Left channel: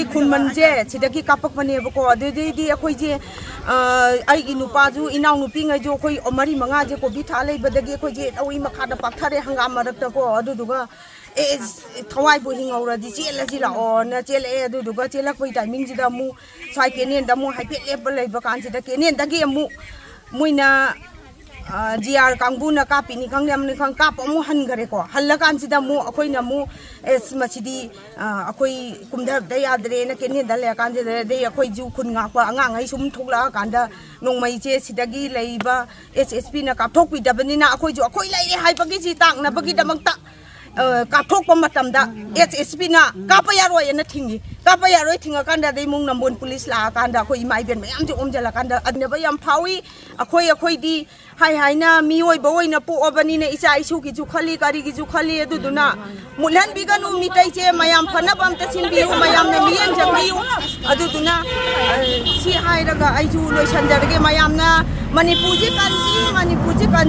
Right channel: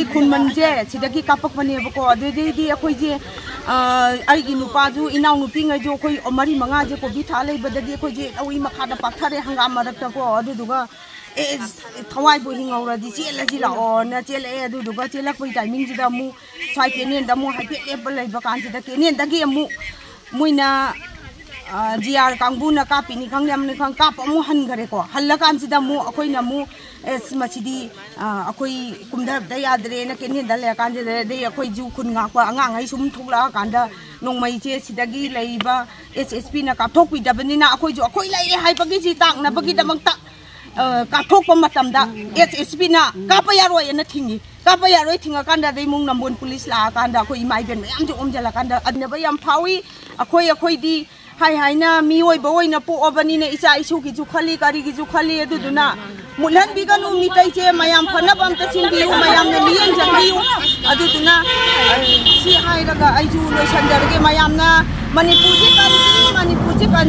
की खुनमनजे सिदगी कापकमनेबको अदुदी अखोइजे आइगी नुपाजु इनाउ नुपिंग जो कोई मरी मंगा जे को बिथा लेबदगी अखोइजे अवी मखादा पाथारे हंगाम मरक्तको अदुदुगा ए थवाई बो हिंगौरदी चेलजी लाओ न चेले अदुदुगा चेलकपै टाइमिंग जिदा मु साइ केनेन दमु हाइपे लेब लेब कानजिदा केनेन दगी मु मुइना जीआर कांगबुना कापिनी खंगनेमनि खंग काप अमु हनगरेको हल्लकानसिदा मु अखोइना मु एस मचिदी अखोइ कुमधरदा यादरे न केनेन दले कानजे दे अखोइ जु खुन गापा अंगांgai सुम थोकला कांदा नोंमैचे सिदगी लैबा एसएसपी ना काथोकपिदबनिना अखोइ जु अखोइ लैरे हाइबगी जि ताकनबगी दमक्ता काथोकपा मतमदा एसएसपी ना कापा यारोय न थिंगी कापा यारोय थिंगा कांदा दे मुंग नंबोन पुलिस ला कांदा अखोइ माइबेन मयाम जि ओमजला कांदा अदनेबा याम फावी अखोइ दी हाय हाय ना मियोय बोय ना पोअबनी ने इचा इसु की जु खली कारी की जु खली अदुदुना मुलन बिगनु मितैचे मयाम फनबम तसिनबियु मयाम ने मियन जंगियु अदुदुना सी हायरगा आइजु लोइसनजरगे मयाम ना मणिपुर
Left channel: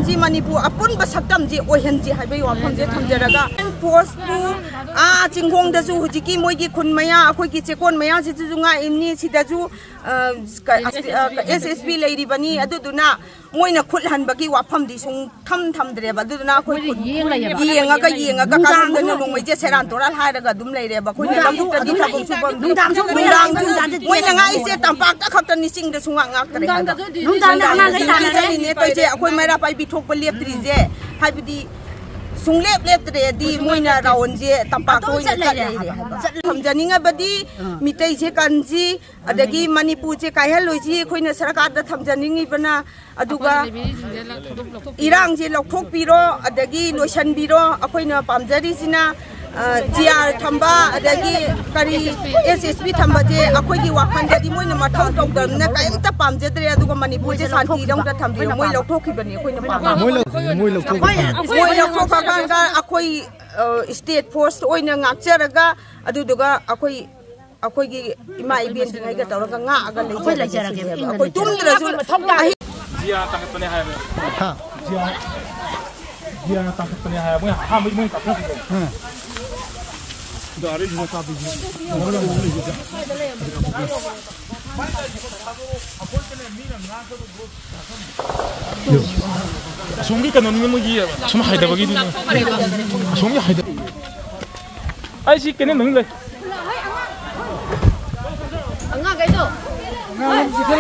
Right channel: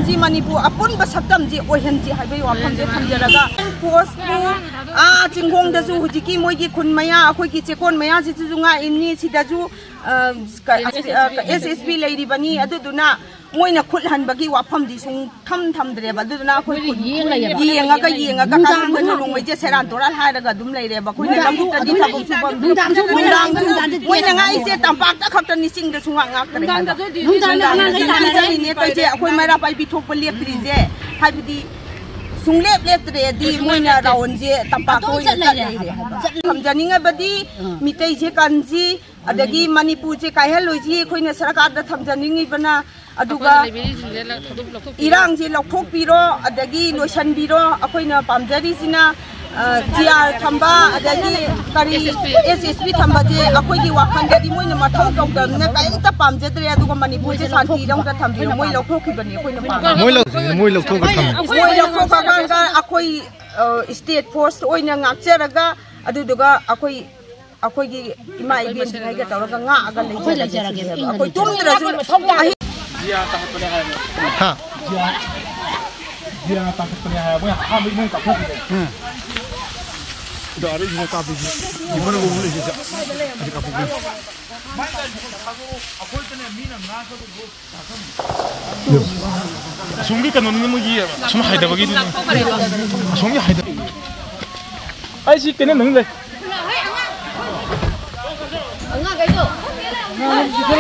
जी मणिपुर अपुन बसक्तम जी ओहनजी हाइबे वाफम जे थमजरगा पोस्ट पु आ चिंगोंग दजु हुजिकी मोइगी खुन मया अखोइ की चेकोन मया जि जुंगा इमनी सिदाजु एसएसपी लैरिबनी अदुदुना मोइना खुद हनबगी वाफम दी सुं थमद्रे बदुदुना अखोइ येंगा कांगन नोंमै जे सेरान तोराल हायरगा दुम लैरेबा खुनि लंगुक तदि थबक सुबम दुंदाम सु Moina ngai se tampak ta khapta ni sing de sunga ngak tare दुंदाम ना ना जानि ने तो जे अखोइ मैरा पाइ बिथोक प लेप्त्री जे हाइबदी सुंगलेप लेप्त्रे दी मोइना राउन जे tampak तो चले समजनिंग बदी मितै जे कानजी अदगी मणिपुर जे कायहलोइ जी अखोइना सरकार दा थमजनिंग बना अदुगा इरांग जे लौथोकपिरो अदगी लोइसनबिरो अखोइना पामजरी जिना जीआर थंबा अदगी करी एसएसपी थंबा जे अखोइगी वाखंदगी मोइना मथौ तौदमने कायमता पामजद्रे अदुगा मणिपुर जे शांति रंगदा थंबि मोइ लौथोकखिबनि अखोइना पाम मोइ लौथोकखा अखोइ स्टेट फोर्स ओइना ngakjaraga अदुदुगा अखोइगी इमा इबेन जिनाइगा तौरगा ngaaga लैजरगे अखोइ तुमद्रजु जिया ताखपने हाय हां जिया ताखपने हाय मोइ हाम मोइ ताखपने दारे जिना काबि मोइ मोइ जिया सुंगी कनोनि मोगी सुम हायदबगी सुंगी हायद आइसि केने नंग ले अंगा गइदो ना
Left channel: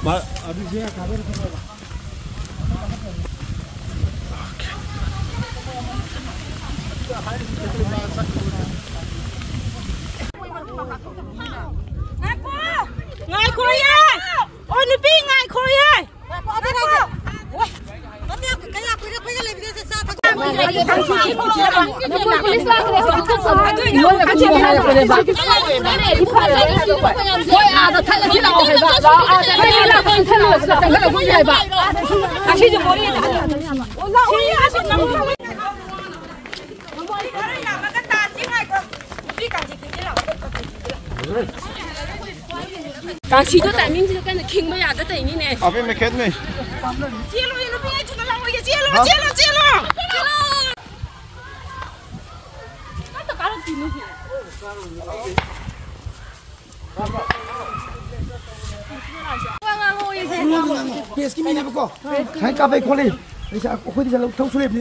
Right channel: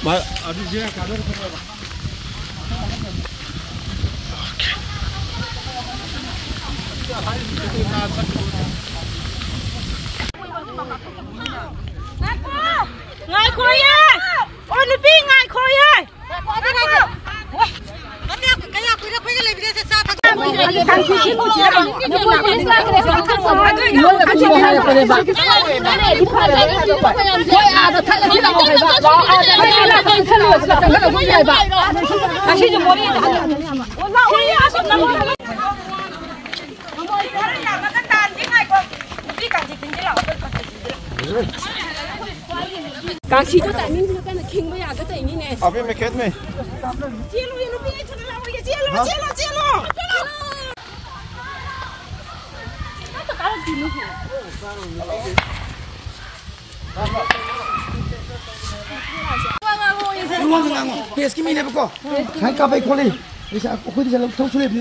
Baik, aduh dia kabar apa? Oke. Ngai khoi ye. Ôi ni pi ngai khoi ye. Càng xí cho tại mình thì cái này kinh bây giờ cái này nè. À bên mày kết này. Chia luôn nó bị chúng nó làm gì chia luôn. Tất cả là gì nữa. Ngang. Yes, kimi na ko. Hai ka bai khole. Isa ko khoi di sa thau sule bi.